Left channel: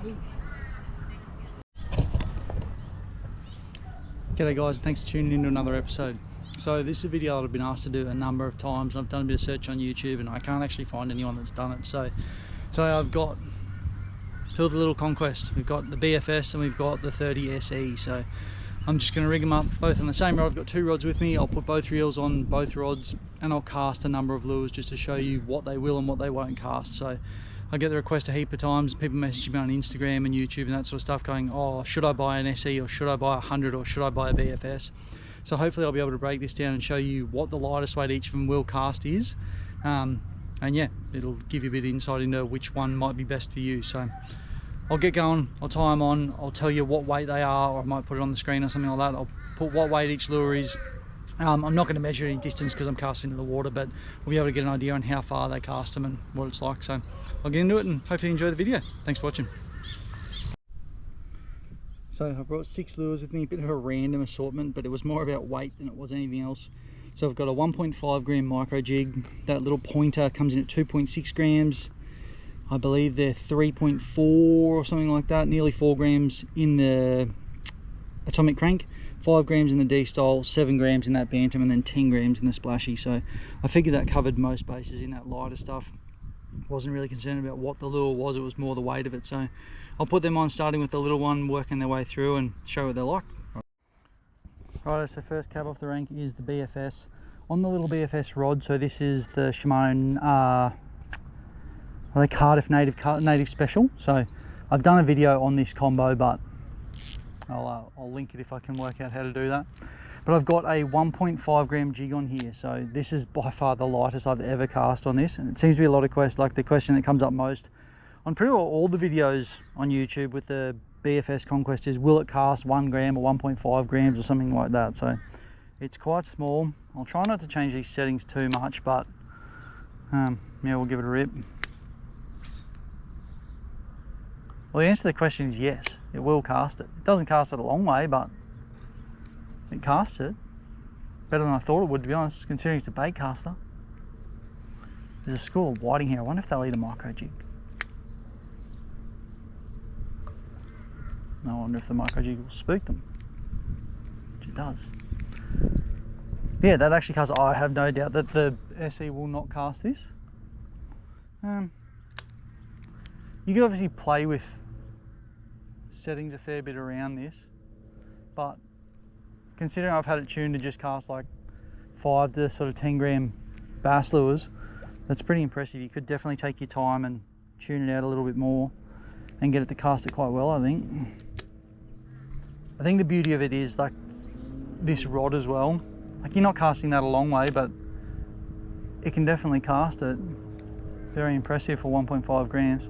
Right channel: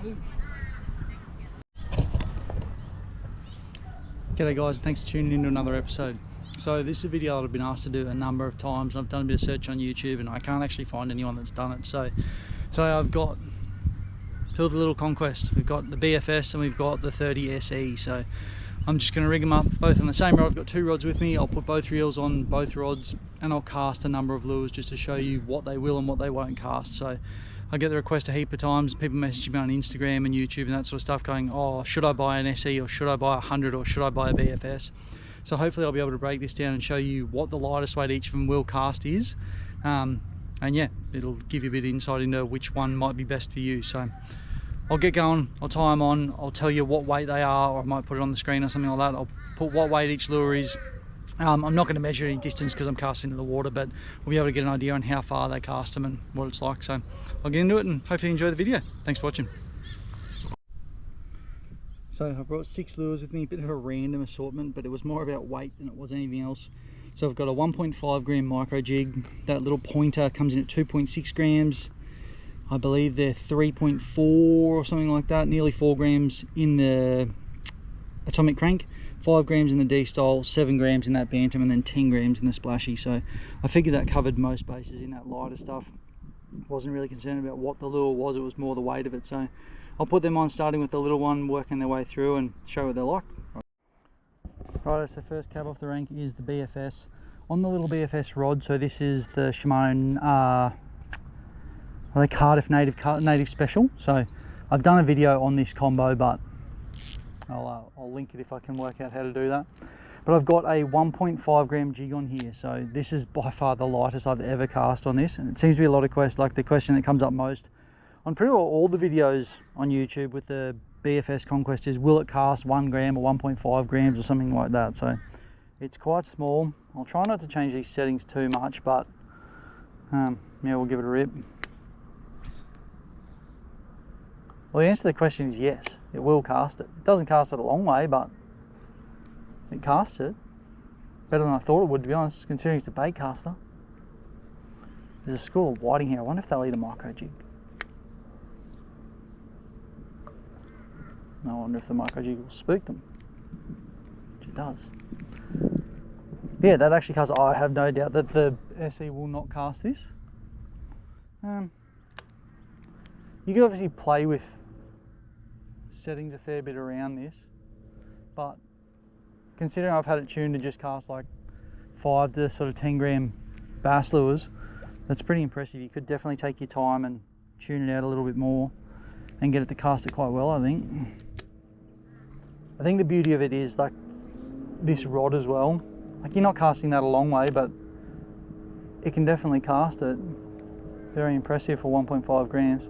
G'day guys, thanks for tuning in to another episode. So this is a video that I've been asked to do a number of times. I've done a bit of search on YouTube and I can't actually find anyone that's done it. So today I've got two of the little conquest. We've got the BFS and we've got the 30 SE. So I'm just going to rig them up both on the same rod. I've got two rods with me. I'll put both reels on both rods and I'll cast a number of lures just to show you what they will and what they won't cast. So I get the request a heap of times. People message me on Instagram and YouTube and that sort of stuff going, oh, should I buy an SE or should I buy a 100 or should I buy a BFS? So hopefully I'll be able to break this down and show you what the lightest weight each of them will cast is. And yeah, it'll give you a bit of insight into which one might be best for you. So I'll get going, I'll tie them on, I'll tell you what weight they are, or I might put it on the screen or something like that. I'll put what weight each lure is. I'm not going to measure any distance because I'm casting into the water, but we'll be able to get an idea on how far they cast them and what it's like. So I'll get into it and hopefully enjoy the video. Thanks for watching. So I've brought 6 lures with me, a bit of a random assortment, but it was more about weight than it was anything else. So I've got a 1.5 gram micro jig. That little pointer comes in at 2.6 grams. I believe they're 3.4 or something like that, nearly 4 grams in the atomic crank, 5 grams in the D-style, 7 grams in that bantam, and then 10 grams in the splashy. So I figured that covered most bases in that lighter stuff. Wasn't really concerned about what the lure was, it was more the weight of it. So I'll put them on, starting with the little one, working their way through and show what they're like. Right, so first cab off the rank is the BFS. On the little BFS rod, so this is the Shimano are they Cardiff native special. So I've done a video on this combo, but I'll link it if I can work out how to do that. But I've got a 1.5 gram jig on here, so this is by far the lightest I've ever cast on this, and it seems to be a lot of questions, like the question that comes up most on pretty well all the videos on YouTube with the BFS conquest is, will it cast 1 gram or 1.5 grams or something like that? So it's quite small. I'll try not to change these settings too much, but yeah, we'll give it a rip. Well, the answer to the question is yes, it will cast it. It doesn't cast it a long way, but it casts it. Better than I thought it would, to be honest, considering it's a bait caster. There's a school of whiting here. I wonder if they'll eat a micro jig. I wonder if the micro jig will spook them, which it does. Yeah, that actually casts. I have no doubt that the SE will not cast this. You could obviously play with settings a fair bit around this, but considering I've had it tuned to just cast like 5 to sort of 10 gram bass lures, that's pretty impressive. You could definitely take your time and tune it out a little bit more and get it to cast it quite well, I think. I think the beauty of it is like this rod as well. Like, you're not casting that a long way, but it can definitely cast it. Very impressive for 1.5 grams.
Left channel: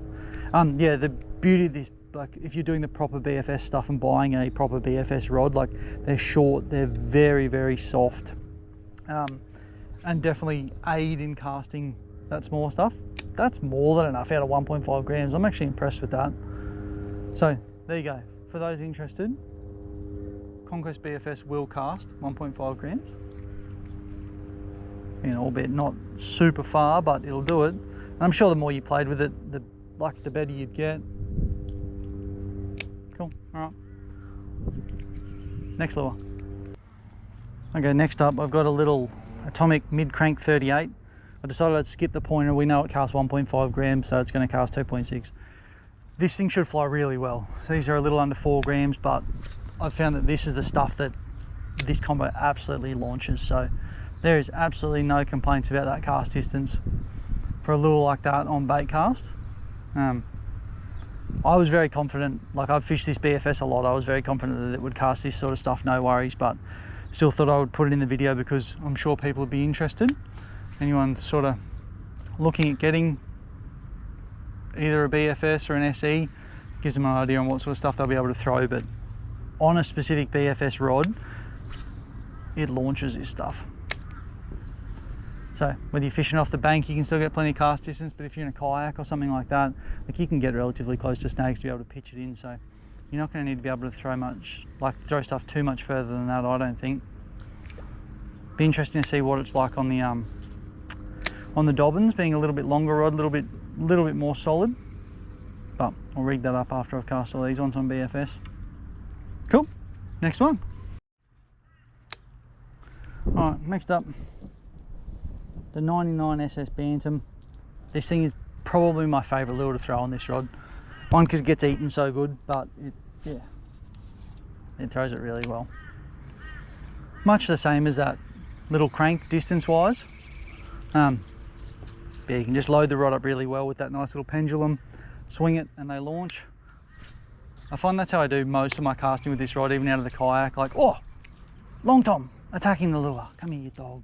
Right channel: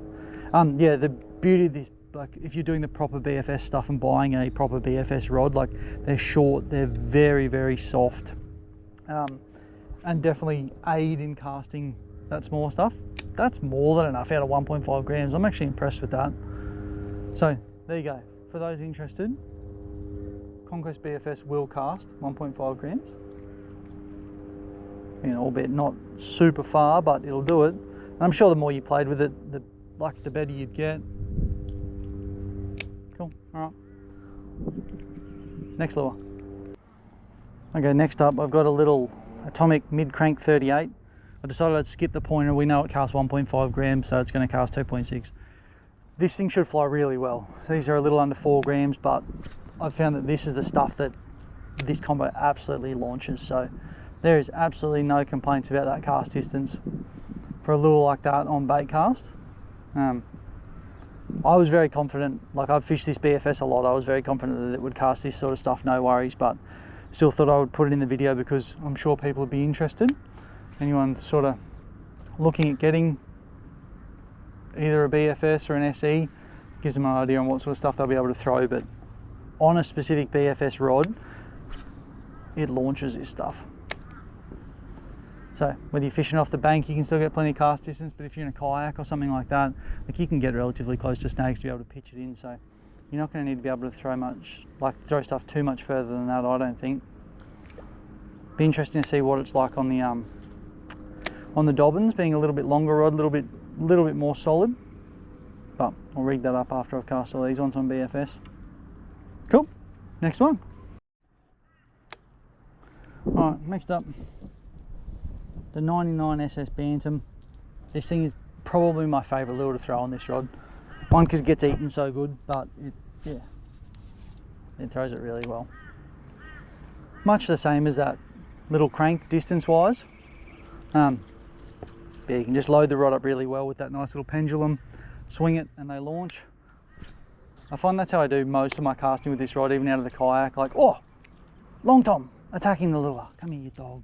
Yeah, the beauty of this, like if you're doing the proper BFS stuff and buying a proper BFS rod, like they're short, they're very, very soft, and definitely aid in casting that smaller stuff. That's more than enough out of 1.5 grams. I'm actually impressed with that. So there you go. For those interested, Conquest BFS will cast 1.5 grams. You know, albeit not super far, but it'll do it. And I'm sure the more you played with it, the better you'd get. Cool, all right. Next lure. Okay, next up I've got a little atomic mid-crank 38. I decided I'd skip the pointer. We know it casts 1.5 grams, so it's going to cast 2.6. This thing should fly really well. So these are a little under 4 grams, but I've found that this is the stuff that this combo absolutely launches. So there is absolutely no complaints about that cast distance for a lure like that on bait cast. I was very confident, like I've fished this BFS a lot, I was very confident that it would cast this sort of stuff, no worries, but still thought I would put it in the video because I'm sure people would be interested. Anyone sort of looking at getting either a BFS or an SE, gives them an idea on what sort of stuff they'll be able to throw, but on a specific BFS rod, it launches this stuff. So whether you're fishing off the bank, you can still get plenty of cast distance, but if you're in a kayak or something like that, like you can get relatively close to snags to be able to pitch it in. So you're not going to need to be able to throw stuff too much further than that, I don't think. Be interesting to see what it's like on the Dobbins, being a little bit longer rod, a little bit more solid. but I'll rig that up after I've cast all these ones on BFS. Cool, next one. Alright, next up, the 99 SS Bantam. This thing is probably my favourite lure to throw on this rod. One, because it gets eaten so good, but it throws it really well. Much the same as that little crank distance wise. Yeah, you can just load the rod up really well with that nice little pendulum, swing it and they launch. I find that's how I do most of my casting with this rod, even out of the kayak. Like, oh, Long Tom attacking the lure. Come here, you dog.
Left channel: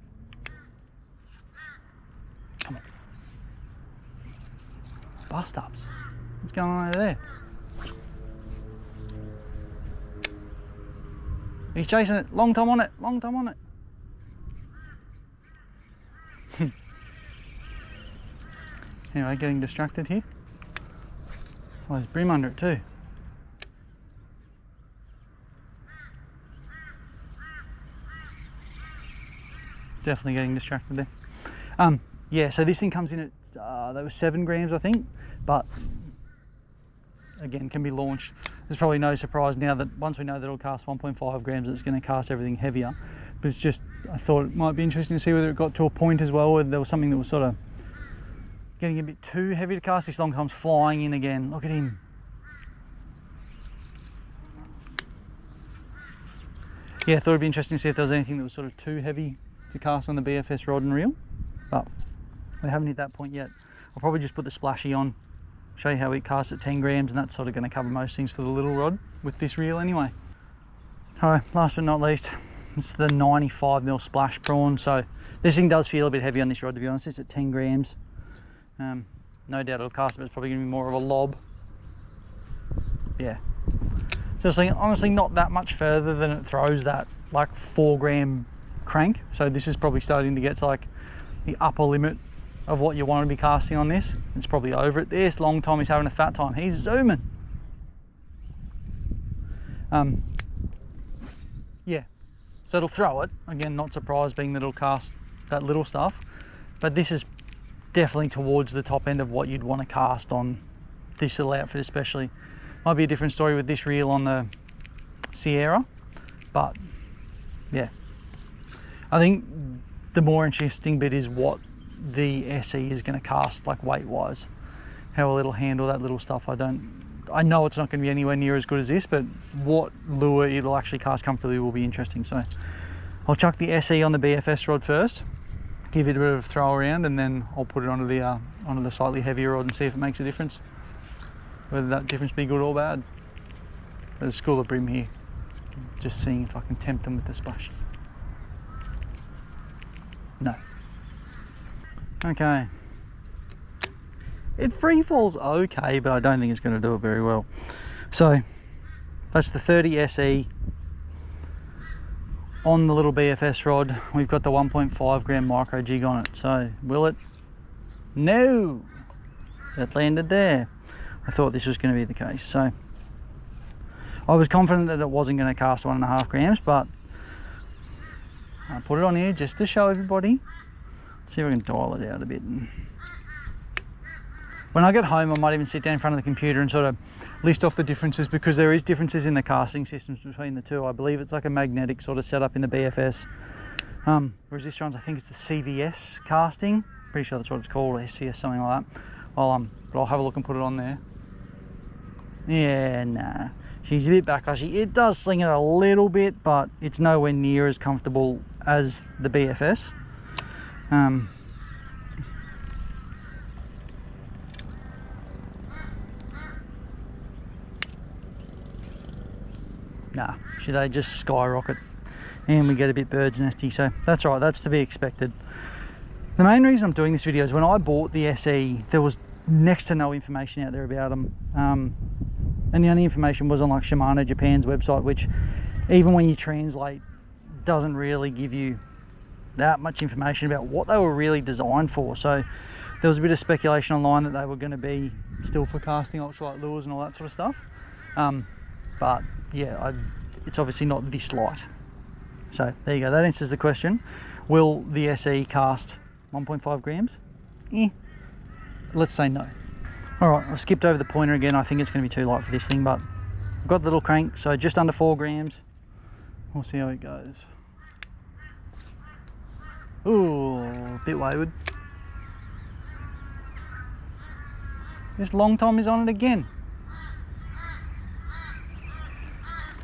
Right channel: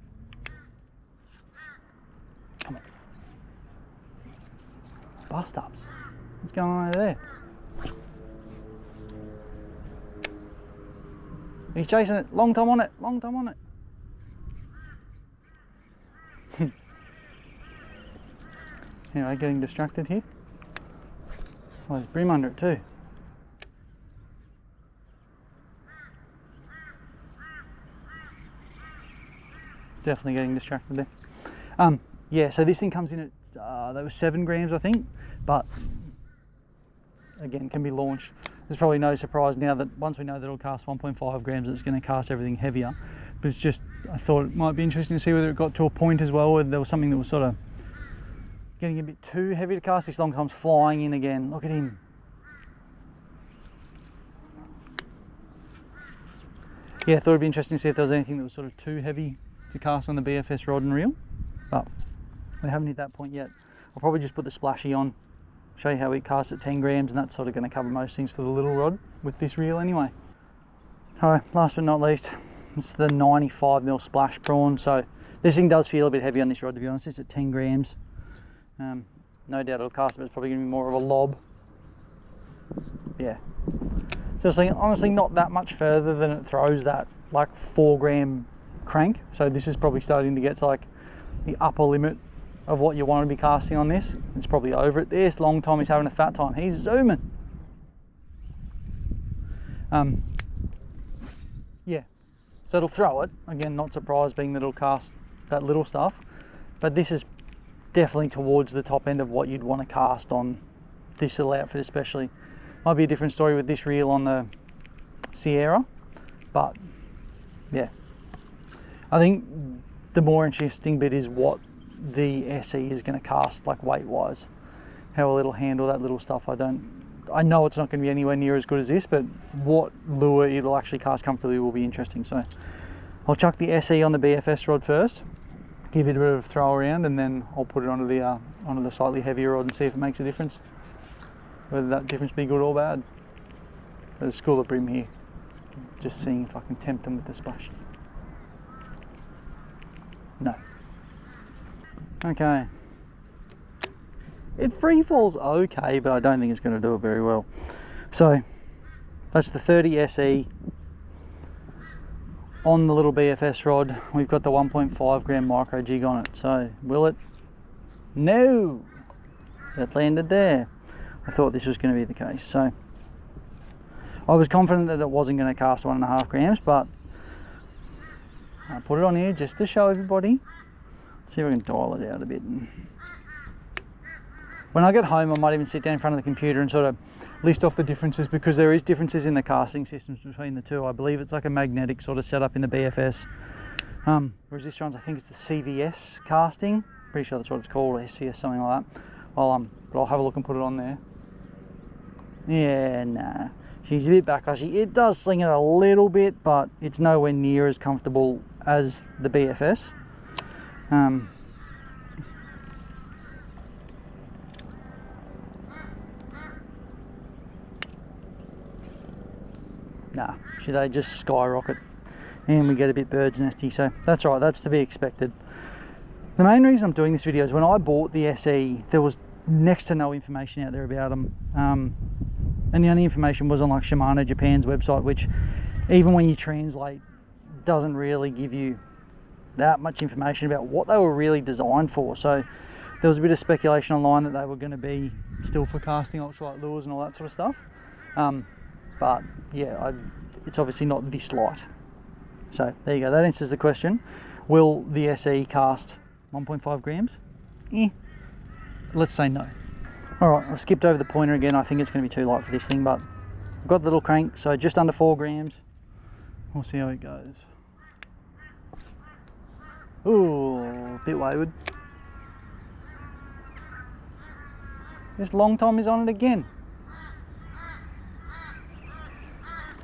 Come on. Bust ups. What's going on over there? He's chasing it. Long Tom on it. Long Tom on it. Anyway, getting distracted here. Oh, there's bream under it too. Definitely getting distracted there. Yeah, so this thing comes in at that was 7 grams, I think, but again, can be launched. There's probably no surprise now that once we know that it'll cast 1.5 grams, it's going to cast everything heavier. But it's just, I thought it might be interesting to see whether it got to a point as well where there was something that was sort of getting a bit too heavy to cast. This Long Tom's flying in again. Look at him. Yeah, I thought it'd be interesting to see if there was anything that was sort of too heavy to cast on the BFS rod and reel, but we haven't hit that point yet. I'll probably just put the splashy on, show you how it casts at 10 grams, and that's sort of going to cover most things for the little rod with this reel anyway. Alright, last but not least, it's the 95mm splash prawn. So this thing does feel a bit heavy on this rod, to be honest. It's at 10 grams. No doubt it'll cast, but it's probably going to be more of a lob. Yeah. So it's honestly not that much further than it throws that like 4 gram crank. So this is probably starting to get to like the upper limit of what you want to be casting on this. It's probably over it. This Long Tom is having a fat time. He's zooming. Yeah. So it'll throw it. Again, not surprised being that it'll cast that little stuff. But this is definitely towards the top end of what you'd want to cast on this little outfit especially. Might be a different story with this reel on the Sierra, but yeah. I think the more interesting bit is what the SE is going to cast, like weight wise. How it'll handle that little stuff. I know it's not going to be anywhere near as good as this, but what lure it'll actually cast comfortably will be interesting. So I'll chuck the SE on the BFS rod first, give it a bit of a throw around, and then I'll put it onto the slightly heavier rod and see if it makes a difference. Whether that difference be good or bad. There's a school of bream here. Just seeing if I can tempt them with the splash. No. Okay. It free falls okay, but I don't think it's going to do it very well. So that's the 30 SE on the little BFS rod. We've got the 1.5 gram micro jig on it. So will it? No. It landed there. I thought this was going to be the case. So I was confident that it wasn't going to cast 1.5 grams, but I put it on here just to show everybody. See if I can dial it out a bit. When I get home, I might even sit down in front of the computer and sort of list off the differences, because there is differences in the casting systems between the two. I believe it's like a magnetic sort of setup in the BFS, whereas this one's, I think it's the CVS casting. Pretty sure that's what it's called, SVS, something like that. Well, but I'll have a look and put it on there. Yeah, nah, she's a bit backlashy. It does sling it a little bit, but it's nowhere near as comfortable as the BFS. Nah, they just skyrocket and we get a bit bird's nesty, so that's all right, that's to be expected. The main reason I'm doing this video is when I bought the SE, there was next to no information out there about them, and the only information was on like Shimano Japan's website, which even when you translate doesn't really give you that much information about what they were really designed for. So there was a bit of speculation online that they were going to be still for casting ultralight lures and all that sort of stuff, but yeah, it's obviously not this light. So there you go, that answers the question. Will the SE cast 1.5 grams? Let's say no. Alright, I've skipped over the pointer again. I think it's going to be too light for this thing, but I've got the little crank, so just under 4 grams. We'll see how it goes. Ooh, a bit wayward. This long tom is on it again.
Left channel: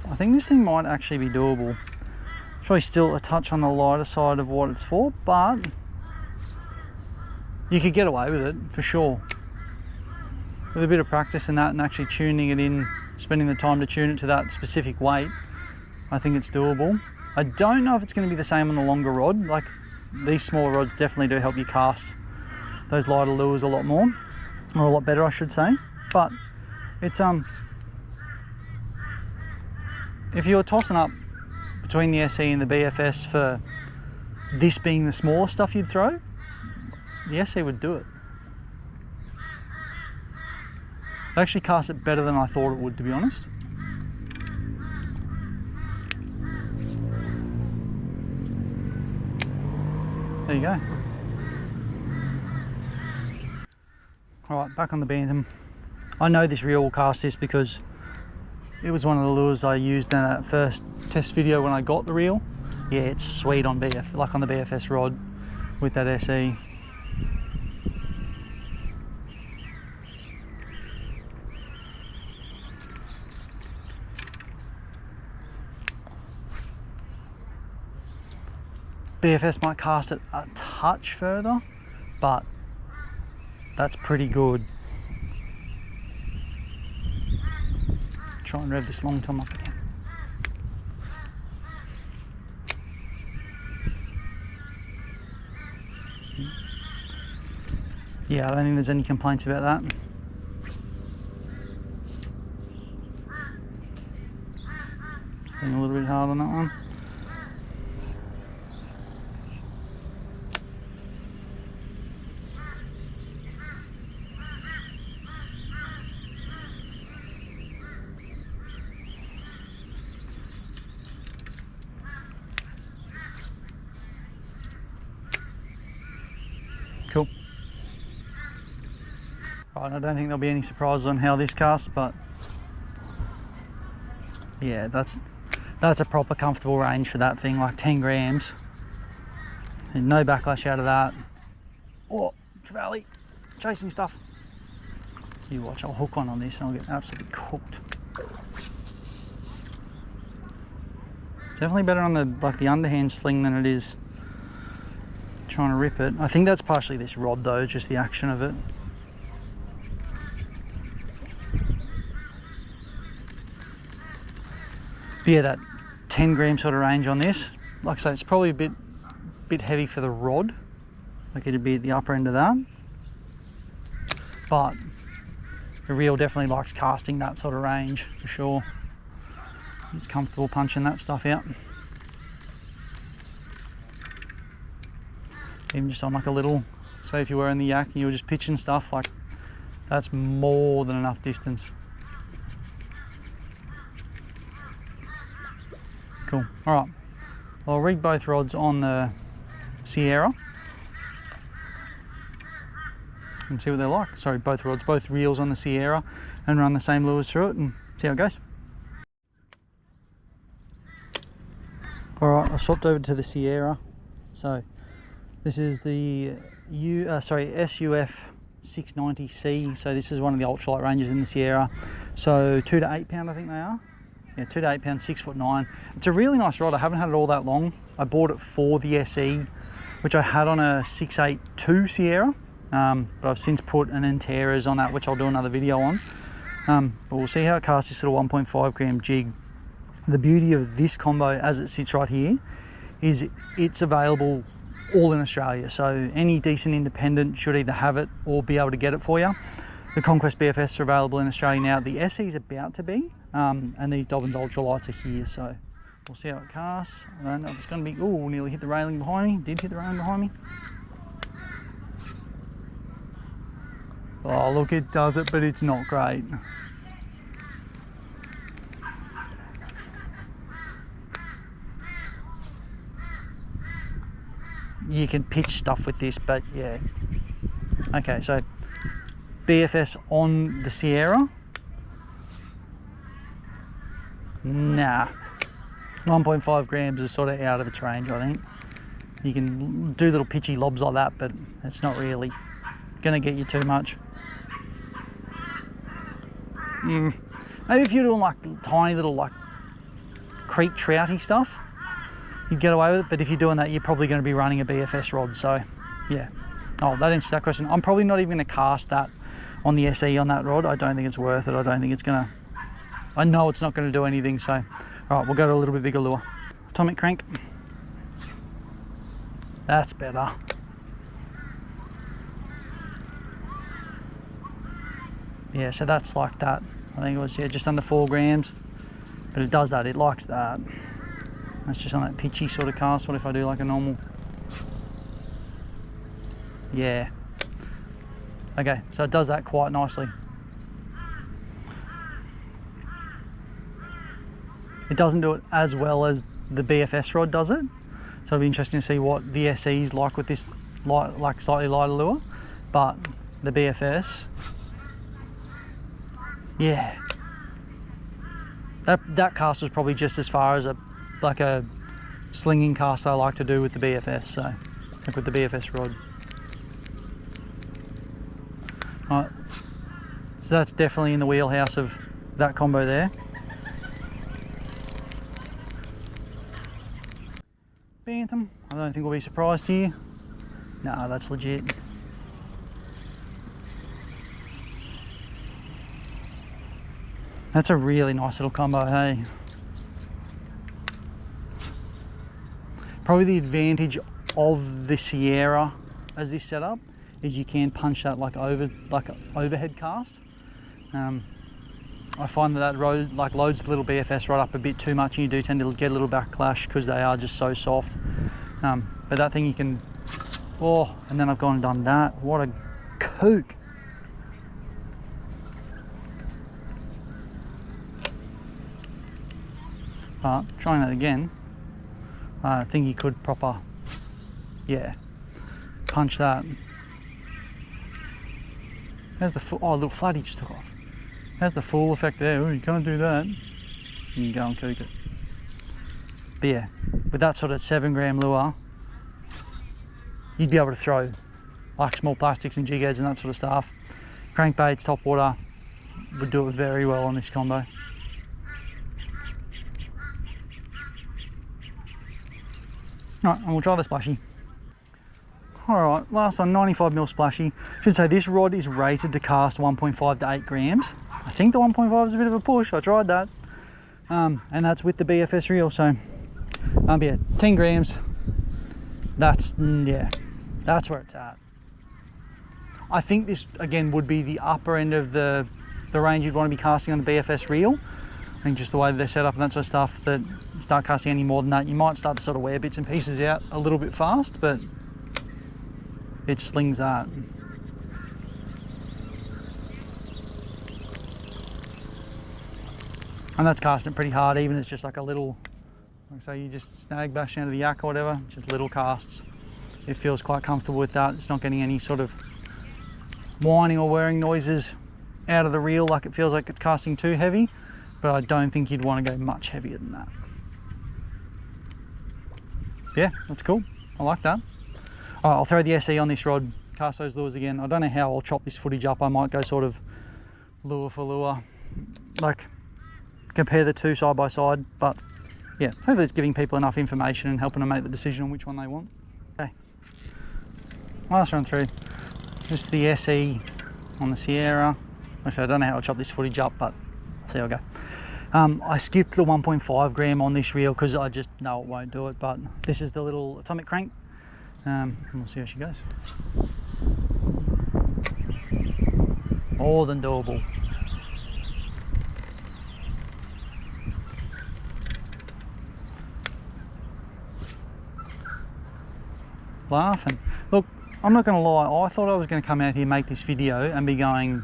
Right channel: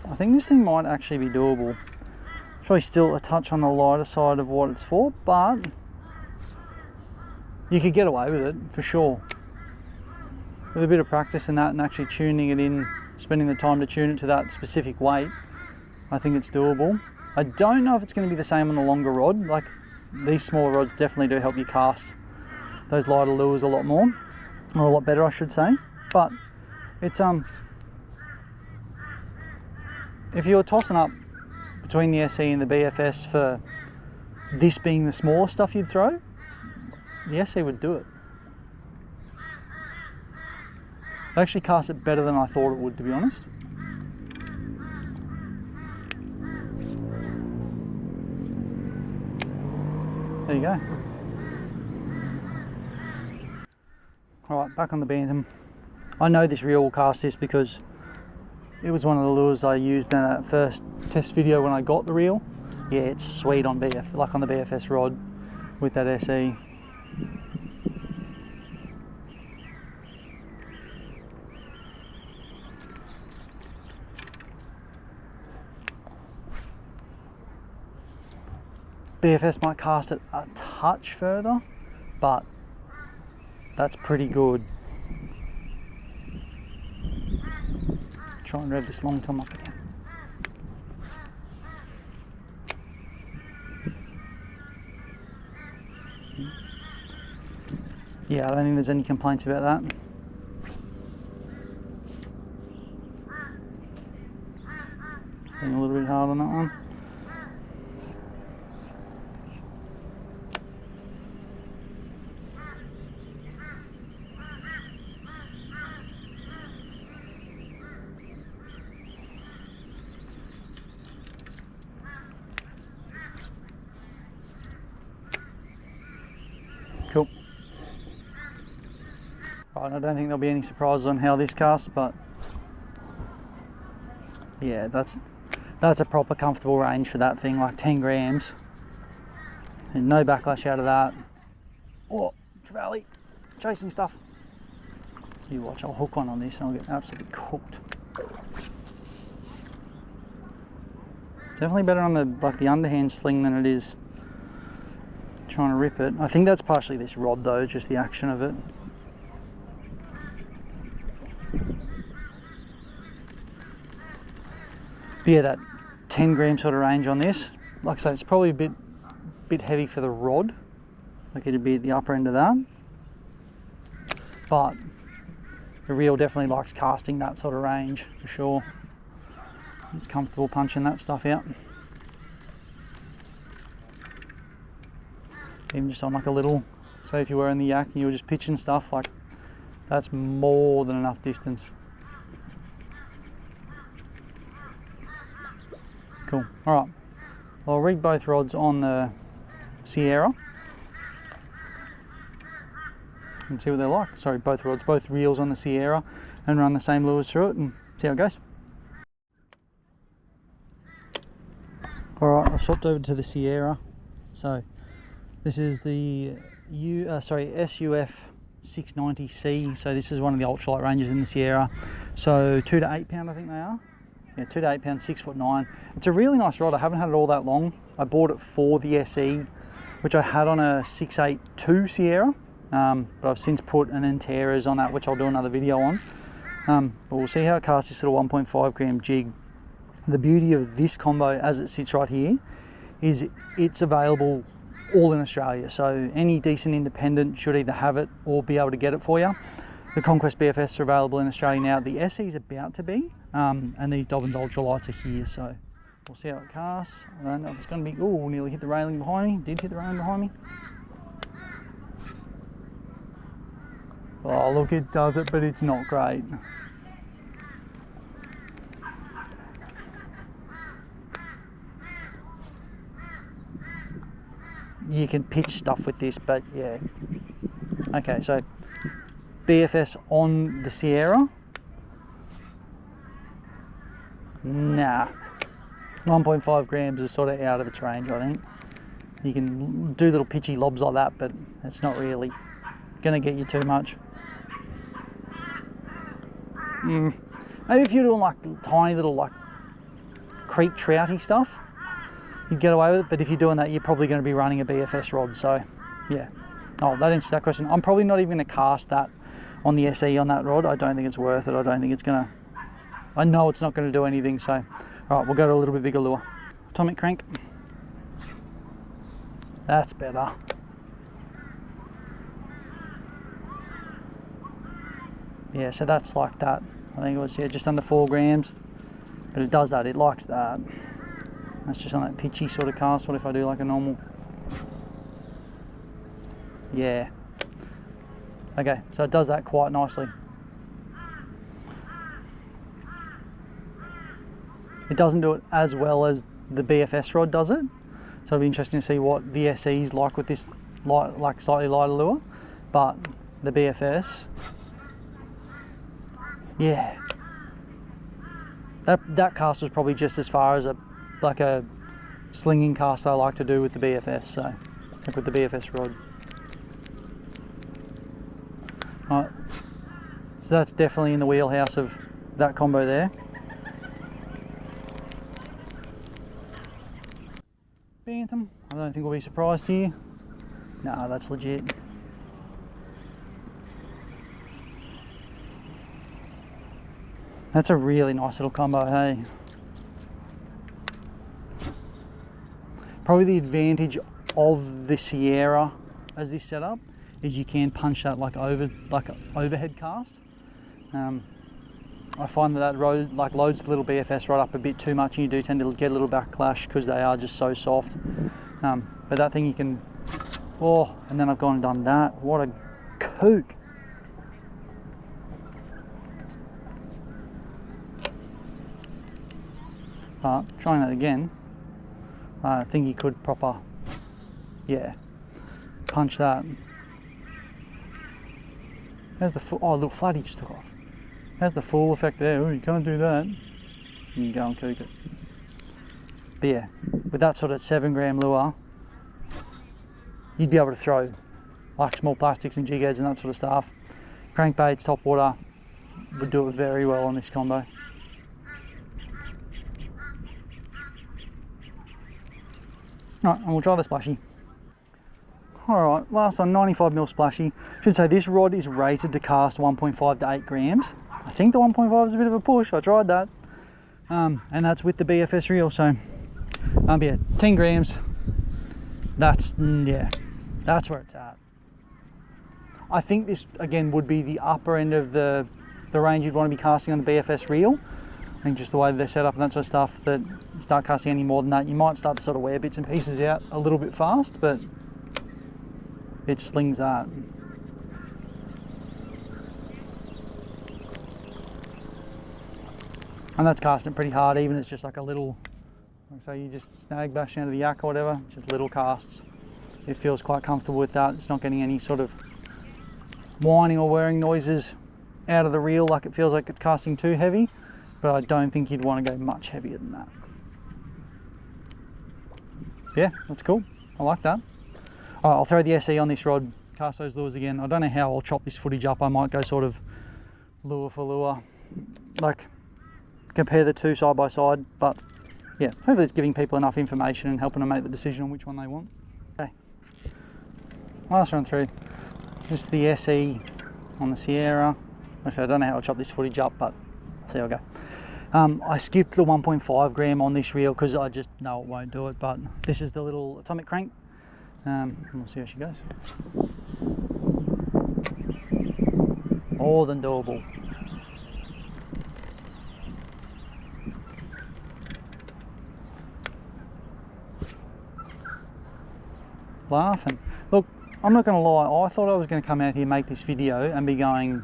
I think this thing might actually be doable. It's probably still a touch on the lighter side of what it's for, but you could get away with it for sure. With a bit of practice in that and actually tuning it in, spending the time to tune it to that specific weight, I think it's doable. I don't know if it's going to be the same on the longer rod. Like, these smaller rods definitely do help you cast those lighter lures a lot more, or a lot better I should say. But it's if you're tossing up between the SE and the BFS for this being the smaller stuff you'd throw, the SE would do it. It actually casts it better than I thought it would, to be honest. There you go. Alright, back on the Bantam. I know this reel will cast this because it was one of the lures I used in that first test video when I got the reel. Yeah, it's sweet on like on the BFS rod with that SE. BFS might cast it a touch further, but that's pretty good. Try and rev this long tom up again. Yeah, I don't think there's any complaints about that. Staying a little bit hard on that one. Cool. Right, I don't think there'll be any surprises on how this casts, but yeah, that's a proper comfortable range for that thing, like 10 grams. And no backlash out of that. Oh, Trevally, chasing stuff. You watch, I'll hook on this and I'll get absolutely cooked. Definitely better on the underhand sling than it is trying to rip it. I think that's partially this rod though, just the action of it. But yeah, that 10 gram sort of range on this, like I say, it's probably a bit heavy for the rod. Like it'd be at the upper end of that. But the reel definitely likes casting that sort of range for sure. It's comfortable punching that stuff out. Even just on like a little, say if you were in the yak and you were just pitching stuff, like that's more than enough distance. Cool. All right, I'll rig both rods on the Sierra and see what they're like. Sorry, both rods, both reels on the Sierra, and run the same lures through it and see how it goes. All right, I've swapped over to the Sierra. So this is the SUF 690C. So this is one of the ultralight ranges in the Sierra. So 2 to 8 pound, I think they are. Yeah, 2 to 8 pound, 6'9". It's a really nice rod. I haven't had it all that long. I bought it for the SE, which I had on a 682 Sierra, but I've since put an Enteras on that, which I'll do another video on. But we'll see how it casts this little 1.5 gram jig. The beauty of this combo, as it sits right here, is it's available all in Australia, so any decent independent should either have it or be able to get it for you. The Conquest BFS are available in Australia now. The SE is about to be, and these Dobbins ultralights are here, so we'll see how it casts. I don't know if it's going to be, oh, nearly hit the railing behind me. Did hit the railing behind me. Oh, look, it does it, but it's not great. You can pitch stuff with this, but yeah. Okay, so BFS on the Sierra? Nah. 1.5 grams is sort of out of its range, I think. You can do little pitchy lobs like that, but it's not really gonna get you too much. Maybe if you're doing like tiny little like creek trouty stuff, you'd get away with it, but if you're doing that, you're probably going to be running a BFS rod, so yeah. Oh, that answers that question. I'm probably not even going to cast that on the SE on that rod. I don't think it's worth it. I don't think it's going to, I know it's not going to do anything, so all right, we'll go to a little bit bigger lure. Atomic crank. That's better. Yeah, so that's like that. I think it was, yeah, just under 4 grams, but it does that, it likes that. That's just on that pitchy sort of cast. What if I do like a normal? Yeah. Okay, so it does that quite nicely. It doesn't do it as well as the BFS rod does it. So it'll be interesting to see what the SE's like with this light, like slightly lighter lure. But the BFS, yeah. That cast was probably just as far as a slinging cast I like to do with the BFS, so like with the BFS rod. Alright, so that's definitely in the wheelhouse of that combo there. Bantam, I don't think we'll be surprised here. No, that's legit. That's a really nice little combo, hey? Probably the advantage of the Sierra as this setup is you can punch that like overhead cast. I find that road like loads the little BFS rod up a bit too much, and you do tend to get a little backlash because they are just so soft. But that thing you can, oh, and then I've gone and done that. What a kook. Trying that again, I think you could proper, yeah, punch that. There's the full, oh, a little flatty just took off. There's the full effect there. Oh, you can't do that. You can go and cook it. But yeah, with that sort of 7 gram lure, you'd be able to throw like small plastics and jig heads and that sort of stuff. Crankbaits, top water, would do it very well on this combo. Right, and we'll try the splashy. Alright, last one, 95mm splashy. Should say this rod is rated to cast 1.5 to 8 grams. I think the 1.5 is a bit of a push, I tried that. And that's with the BFS reel, so yeah, 10 grams. That's, yeah, that's where it's at. I think this, again, would be the upper end of the range you'd want to be casting on the BFS reel. I think just the way they're set up and that sort of stuff, that you start casting any more than that, you might start to sort of wear bits and pieces out a little bit fast, but it slings that. And that's casting pretty hard, even it's just like a little, like say you just snag bash out of the yak or whatever, just little casts. It feels quite comfortable with that. It's not getting any sort of whining or whirring noises out of the reel like it feels like it's casting too heavy. But I don't think you'd want to go much heavier than that. Yeah, that's cool. I like that. All right, I'll throw the SE on this rod, cast those lures again. I don't know how I'll chop this footage up. I might go sort of lure for lure, like compare the two side by side. But yeah, hopefully it's giving people enough information and helping them make the decision on which one they want. Okay, last run through. Just the SE on the Sierra. Actually, I don't know how I'll chop this footage up, but see how I go. I skipped the 1.5 gram on this reel because I just know it won't do it, but this is the little atomic crank. We'll see how she goes. More than doable. Laughing. Look, I'm not going to lie, I thought I was going to come out here, make this video and be going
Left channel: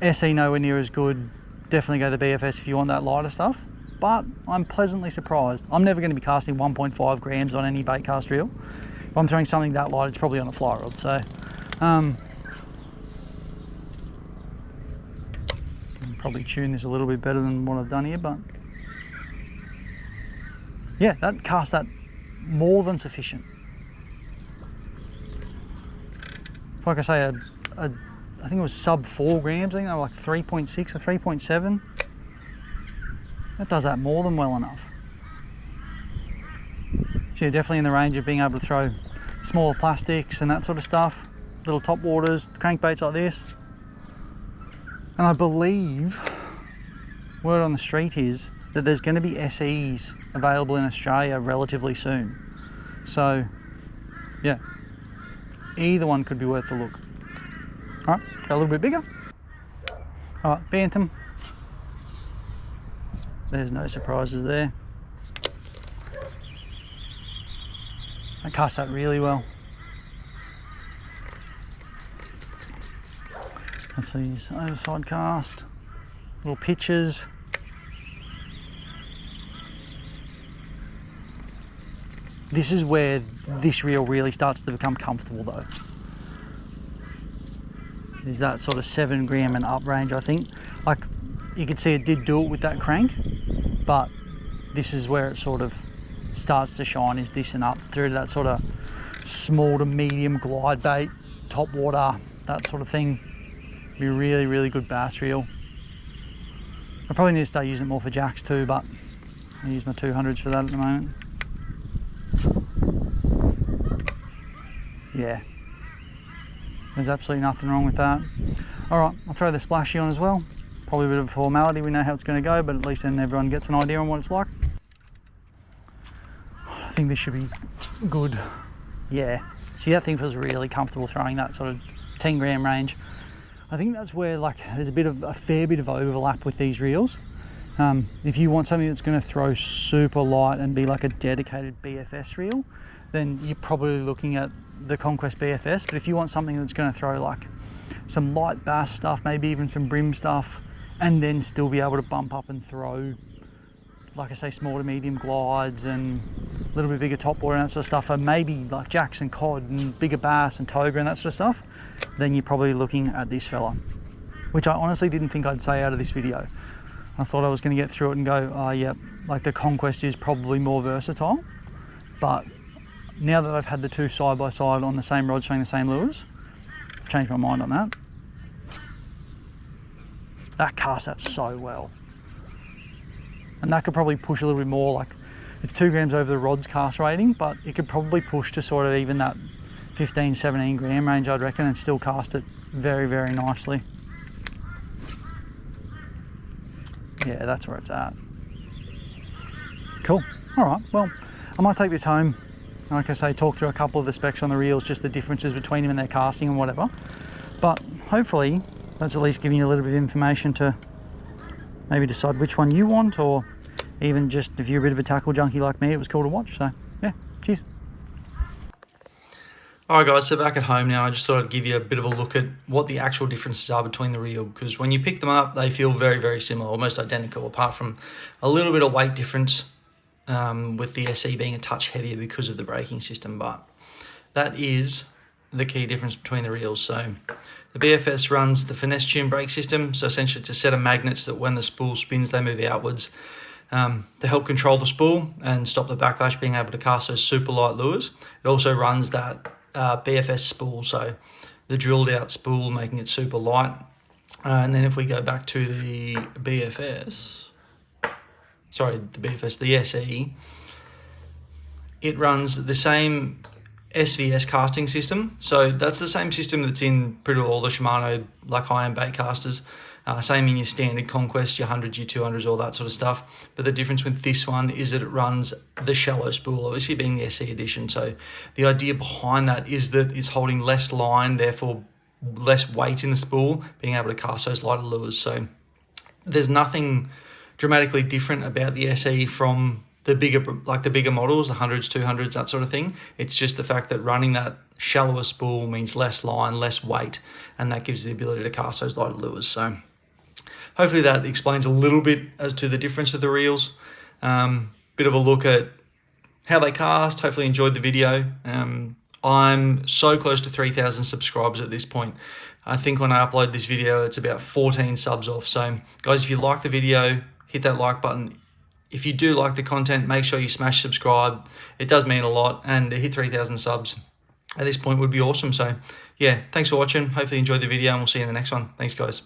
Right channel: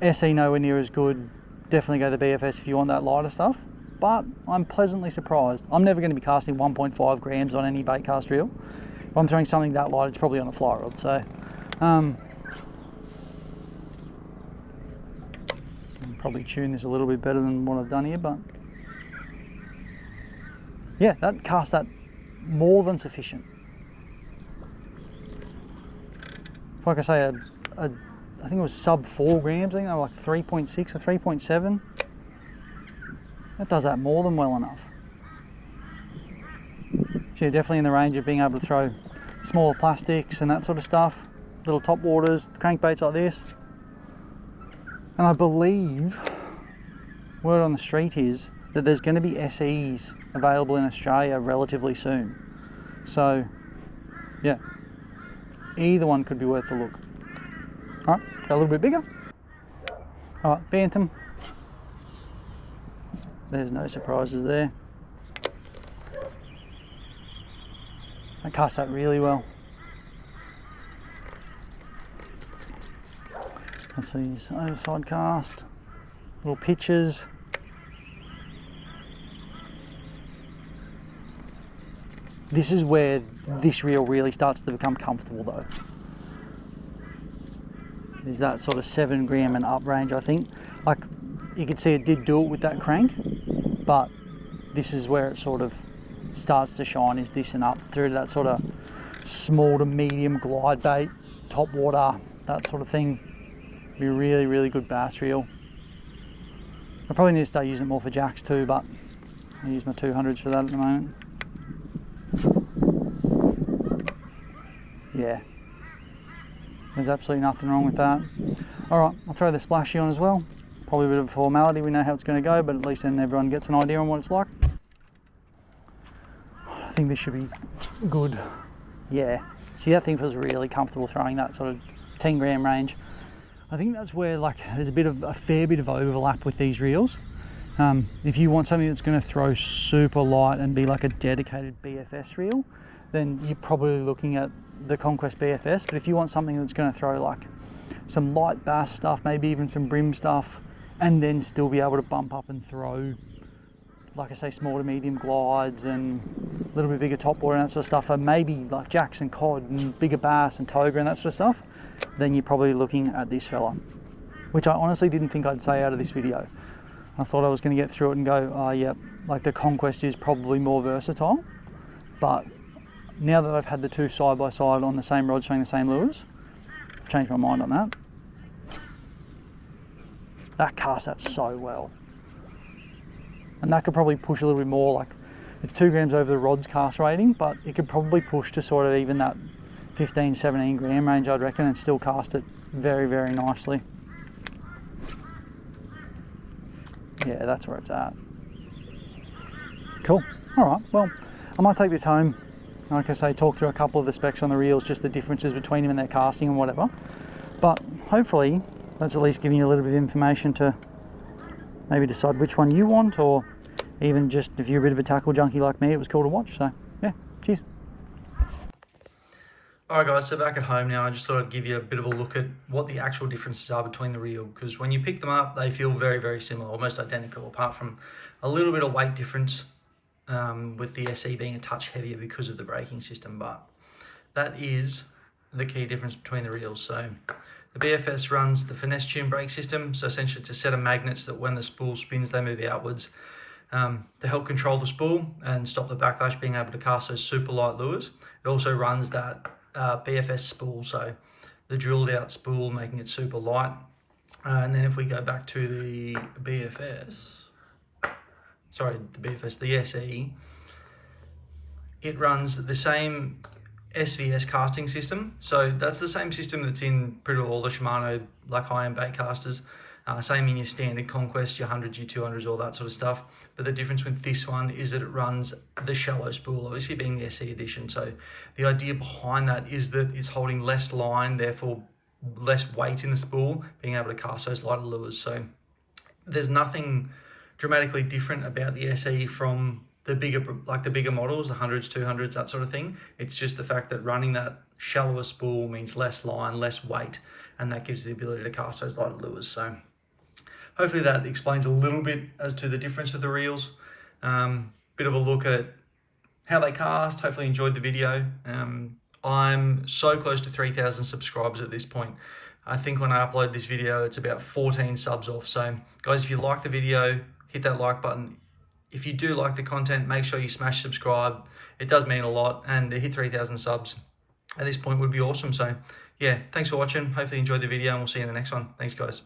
SE nowhere near as good. Definitely go to the BFS if you want that lighter stuff, but I'm pleasantly surprised. I'm never going to be casting 1.5 grams on any bait cast reel. If I'm throwing something that light, it's probably on a fly rod. So Probably tune this a little bit better than what I've done here, but yeah, that cast that more than sufficient. Like I say, I think it was sub 4 grams. I think they were like 3.6 or 3.7. That does that more than well enough. So you're definitely in the range of being able to throw smaller plastics and that sort of stuff, little top waters, crankbaits like this. And I believe, word on the street is that there's going to be SEs available in Australia relatively soon. So yeah, either one could be worth a look. All right, go a little bit bigger. All right, Bantam. There's no surprises there. I cast that really well. Let's see, other side cast, little pitches. This is where this reel really starts to become comfortable though. Is that sort of 7 gram and up range, I think. Like, you can see it did do it with that crank, but this is where it sort of starts to shine, is this and up through to that sort of small to medium glide bait, top water, that sort of thing. Be a really, really good bass reel. I probably need to start using it more for jacks too, but I use my 200s for that at the moment. Yeah, there's absolutely nothing wrong with that. All right, I'll throw the splashy on as well. Probably a bit of a formality, we know how it's going to go, but at least then everyone gets an idea on what it's like. I think this should be good. Yeah, see, that thing feels really comfortable throwing that sort of 10 gram range. I think that's where, like, there's a fair bit of overlap with these reels. If you want something that's going to throw super light and be like a dedicated BFS reel, then you're probably looking at the Conquest BFS. But if you want something that's going to throw like some light bass stuff, maybe even some brim stuff, and then still be able to bump up and throw, like I say, small to medium glides and a little bit bigger top water and that sort of stuff, and maybe like jacks and cod and bigger bass and toga and that sort of stuff, then you're probably looking at this fella, which I honestly didn't think I'd say out of this video. I thought I was going to get through it and go, oh yeah, like the Conquest is probably more versatile, but now that I've had the two side by side on the same rod showing the same lures, I've changed my mind on that. That casts that so well. And that could probably push a little bit more, like it's 2 grams over the rod's cast rating, but it could probably push to sort of even that 15, 17 gram range, I'd reckon, and still cast it very, very nicely. Yeah, that's where it's at. Cool. All right, well, I might take this home, like I say, talk through a couple of the specs on the reels, just the differences between them and their casting and whatever. But hopefully that's at least giving you a little bit of information to maybe decide which one you want, or even just if you're a bit of a tackle junkie like me, it was cool to watch. So yeah, cheers. Alright guys, so back at home now, I just thought I'd give you a bit of a look at what the actual differences are between the reel, because when you pick them up, they feel very, very similar, almost identical, apart from a little bit of weight difference with the SE being a touch heavier because of the braking system, but that is the key difference between the reels. So the BFS runs the finesse tune brake system, so essentially it's a set of magnets that when the spool spins, they move outwards to help control the spool and stop the backlash, being able to cast those super light lures. It also runs that BFS spool, so the drilled out spool, making it super light. And then if we go back to the BFS, the SE, it runs the same SVS casting system. So that's the same system that's in pretty all the Shimano like high-end bait casters. Same in your standard Conquest, your 100s, your 200s, all that sort of stuff. But the difference with this one is that it runs the shallow spool, obviously being the SE edition. So the idea behind that is that it's holding less line, therefore less weight in the spool, being able to cast those lighter lures. So there's nothing dramatically different about the SE from the bigger models, the 100s, 200s, that sort of thing. It's just the fact that running that shallower spool means less line, less weight, and that gives you the ability to cast those lighter lures. So hopefully that explains a little bit as to the difference of the reels. Bit of a look at how they cast. Hopefully enjoyed the video. I'm so close to 3,000 subscribers at this point. I think when I upload this video, it's about 14 subs off. So guys, if you like the video, hit that like button. If you do like the content, make sure you smash subscribe. It does mean a lot, and to hit 3,000 subs at this point would be awesome. So yeah, thanks for watching. Hopefully you enjoyed the video, and we'll see you in the next one. Thanks guys.